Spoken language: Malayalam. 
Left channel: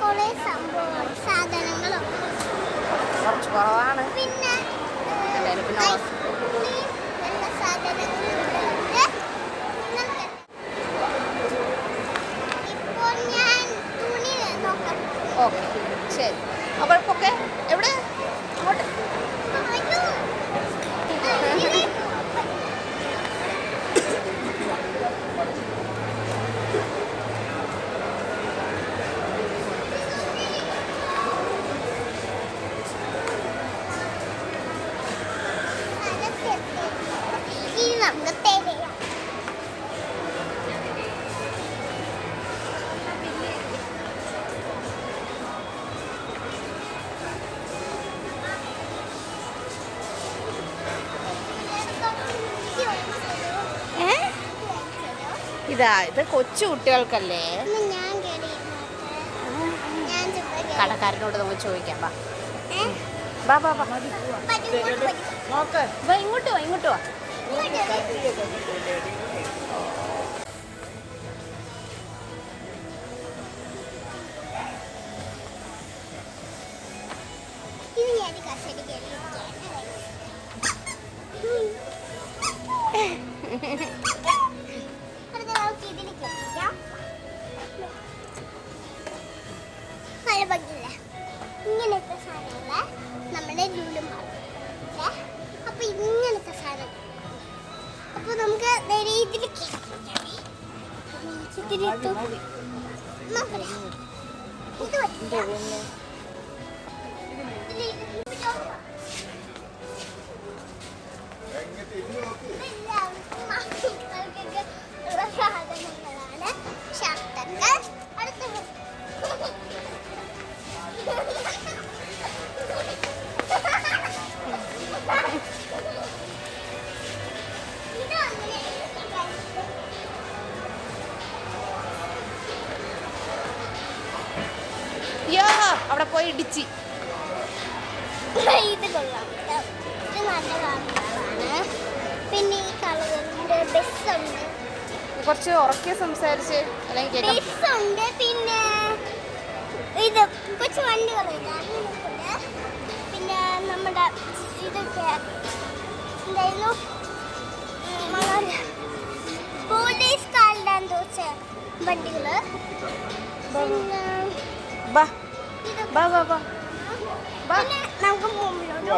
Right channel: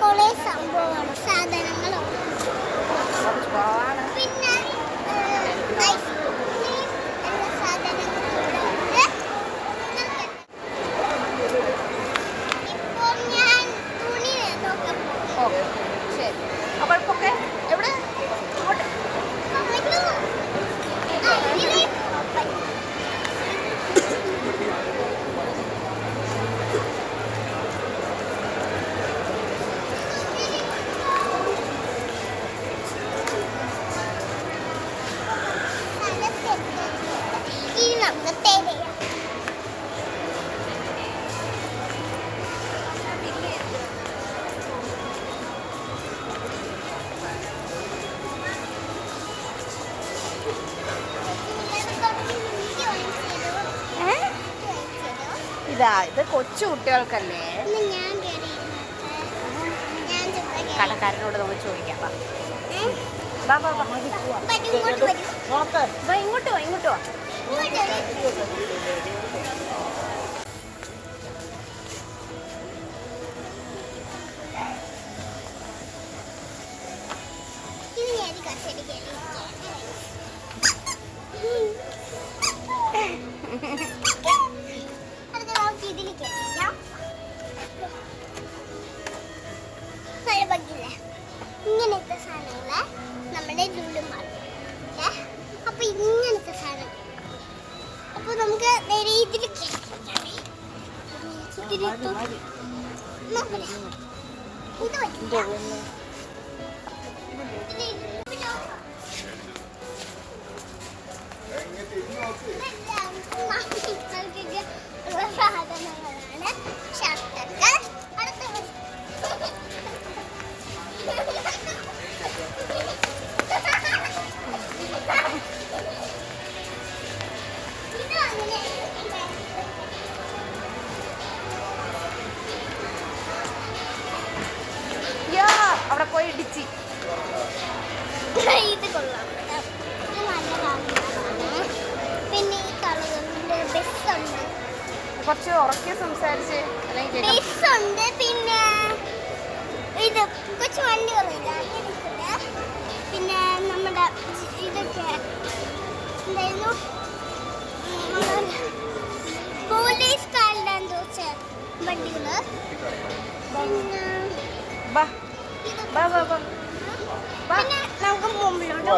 കുറെ സംഭവം സാധനങ്ങളും പിന്നെ ഇപ്പോൾ ഞാൻ തുണി നോക്കാം. ഓക്കെ ശരി. അപ്പോഴൊക്കെ എവിടെ ഇനി നമുക്ക് തേടയാം. ഇത് കൊച്ചു കുട്ടികൾക്കല്ലേ? കടക്കാരനോട് നമുക്ക് ചോദിക്കാം. ഇങ്ങോട്ടോ ഇങ്ങോട്ടോ ഇങ്ങനത്തെ സാധനങ്ങള് നമ്മുടെ ലുലു മാളിൽ. അപ്പൊ ഇങ്ങനത്തെ സാധനം അപ്പൊ നമുക്ക് നേരെ ഇതിലേക്ക് സാധനങ്ങളാണ്. ഷർട്ടൊക്കെ അടുത്ത് അവിടെ പോയി ഇടിച്ച്. ഇത് കൊള്ളാം, ഇത് നല്ല കാര്യങ്ങളാണ്. പിന്നെ ഈ കളറുണ്ട്, ബസ്സുണ്ട്, കുറച്ച് ഉറക്കെ സംസാരിച്ച് ബസ്സുണ്ട്. പിന്നെ ഇത് കൊച്ചു വണ്ടികളുണ്ട്, അങ്ങനെയൊക്കെ. പിന്നെ നമ്മുടെ ഇതൊക്കെ എന്തായിരുന്നു, പോലീസുകാരുടെ എന്തോച്ച വണ്ടികള്. പിന്നെ ബാ ബാ ബാ ബാ നമുക്ക് മുമ്പിലോട്ട്